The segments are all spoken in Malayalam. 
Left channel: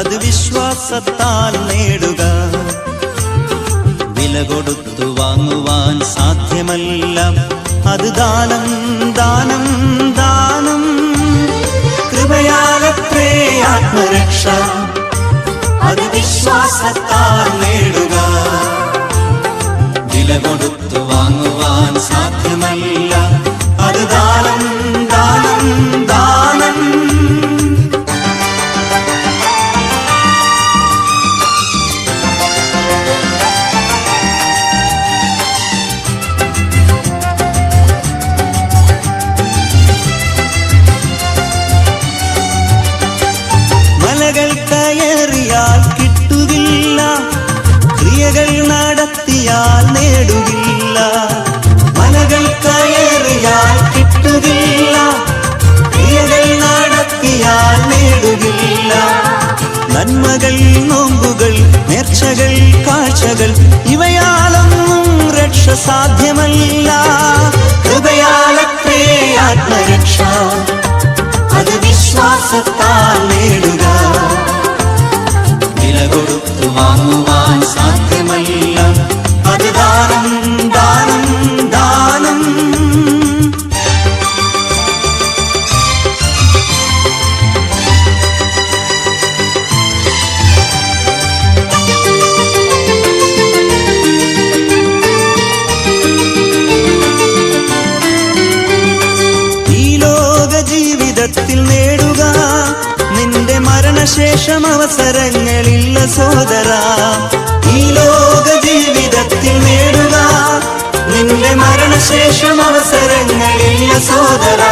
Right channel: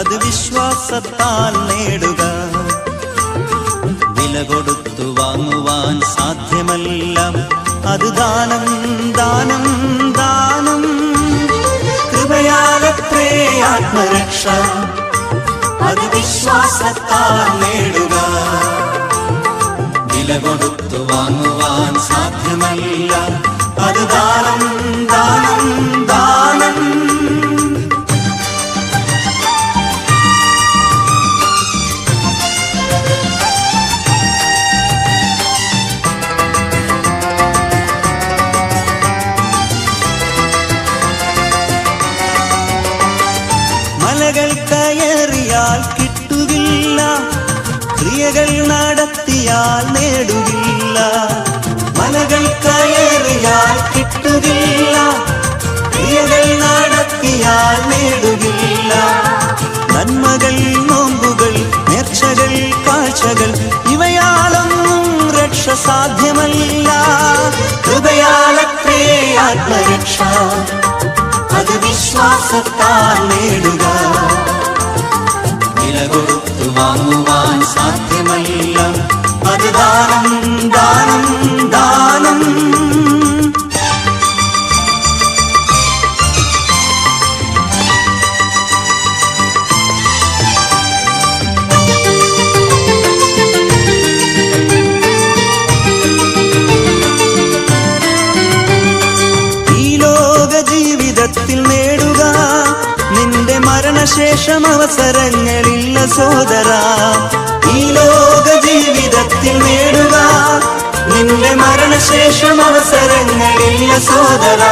അത് വിശ്വാസത്താൽ നേടുക. വില കൊടുത്തു വാങ്ങുവാൻ സാധ്യമല്ല, അത് ദാനം ദാനം ദാനം. കൃപയാലത്രേ ആത്മരക്ഷ, അത് വിശ്വാസത്താൽ നേടുക. വില കൊടുത്തു വാങ്ങുവാൻ സാധ്യമല്ല, അത് ദാനം ദാനം ദാനം. മലകൾ കയറിയാൽ കിട്ടുകില്ല, ക്രിയകൾ നടത്തിയാൽ നേടുകില്ല. മലകൾ കയറിയാൽ കിട്ടുകില്ല, ക്രിയകൾ നടത്തിയാൽ നേടുകില്ല. നന്മകൾ, നോമ്പുകൾ, നേർച്ചകൾ, കാഴ്ചകൾ, ഇവയാലൊന്നും രക്ഷ സാധ്യമല്ല. കൃപയാലത്രേ ആത്മരക്ഷ, അത് വിശ്വാസത്താൽ നേടുക. വില കൊടുത്തു വാങ്ങുവാൻ സാധ്യമല്ല, അത് ദാനം ദാനം ദാനം. ജീവിതത്തിൽ നേടുക, നിന്റെ മരണശേഷം അവസരങ്ങളില്ല സോദര. ഈ ലോക ജീവിതത്തിൽ നേടുക, നിന്റെ മരണശേഷം അവസരങ്ങളില്ല സോദര.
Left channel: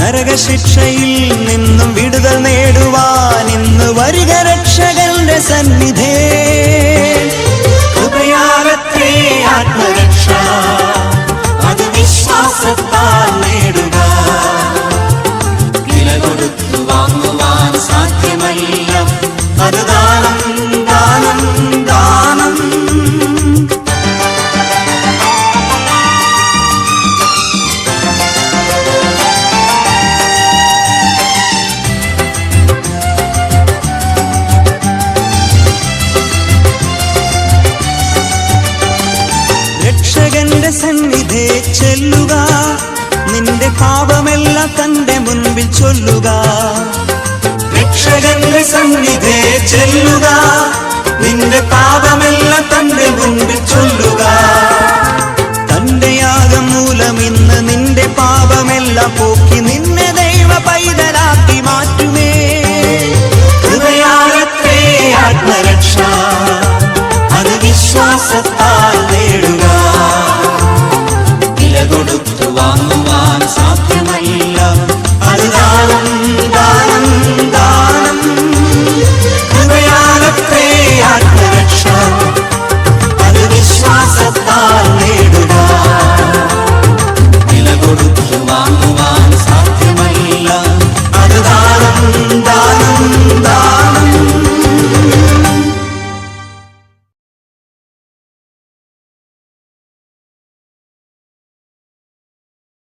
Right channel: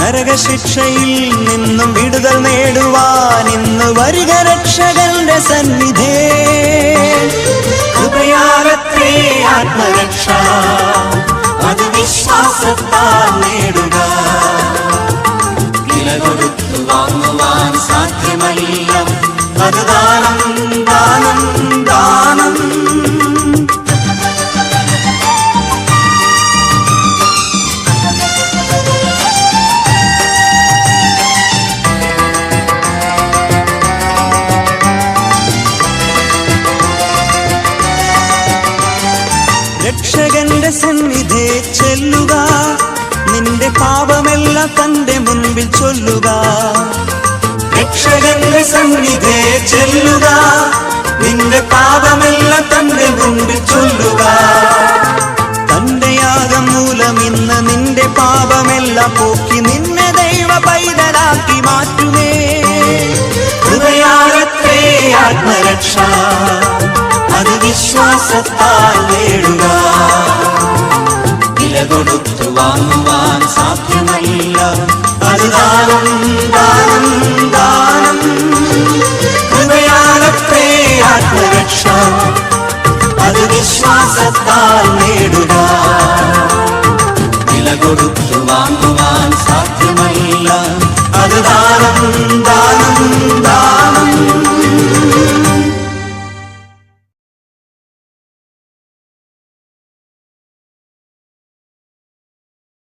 നരകശിക്ഷയിൽ നിന്നും വിടുതൽ നേടുവാൻ ഇന്ന് വരിക രക്ഷകന്റെ സന്നിധേ. കൃപയാലത്രേ ആത്മരക്ഷ, അത് വിശ്വാസത്താൽ നേടുക. വില കൊടുത്തു വാങ്ങുവാൻ സാധ്യമല്ല, അത് ദാനം ദാനം ദാനം. രക്ഷകന്റെ സന്നിധേ ചെല്ലുക, നിന്റെ പാപമെല്ലാം തന്റെ മുൻപിൽ ചൊല്ലുക. രക്ഷകന്റെ സന്നിധേ ചെല്ലുക, നിന്റെ പാപമെല്ലാം തന്റെ മുൻപിൽ ചൊല്ലുക. തന്റെ യാഗം മൂലം ഇന്ന് നിന്റെ പാപമെല്ലാം പോക്കി നിന്നെ ദൈവ പൈതലാക്കി മാറ്റുമേ. കൃപയാലത്രേ ആത്മരക്ഷ, അത് വിശ്വാസത്താൽ നേടുക. വില കൊടുത്തു വാങ്ങുവാൻ സാധ്യമല്ല, അത് ദാനം ദാനം.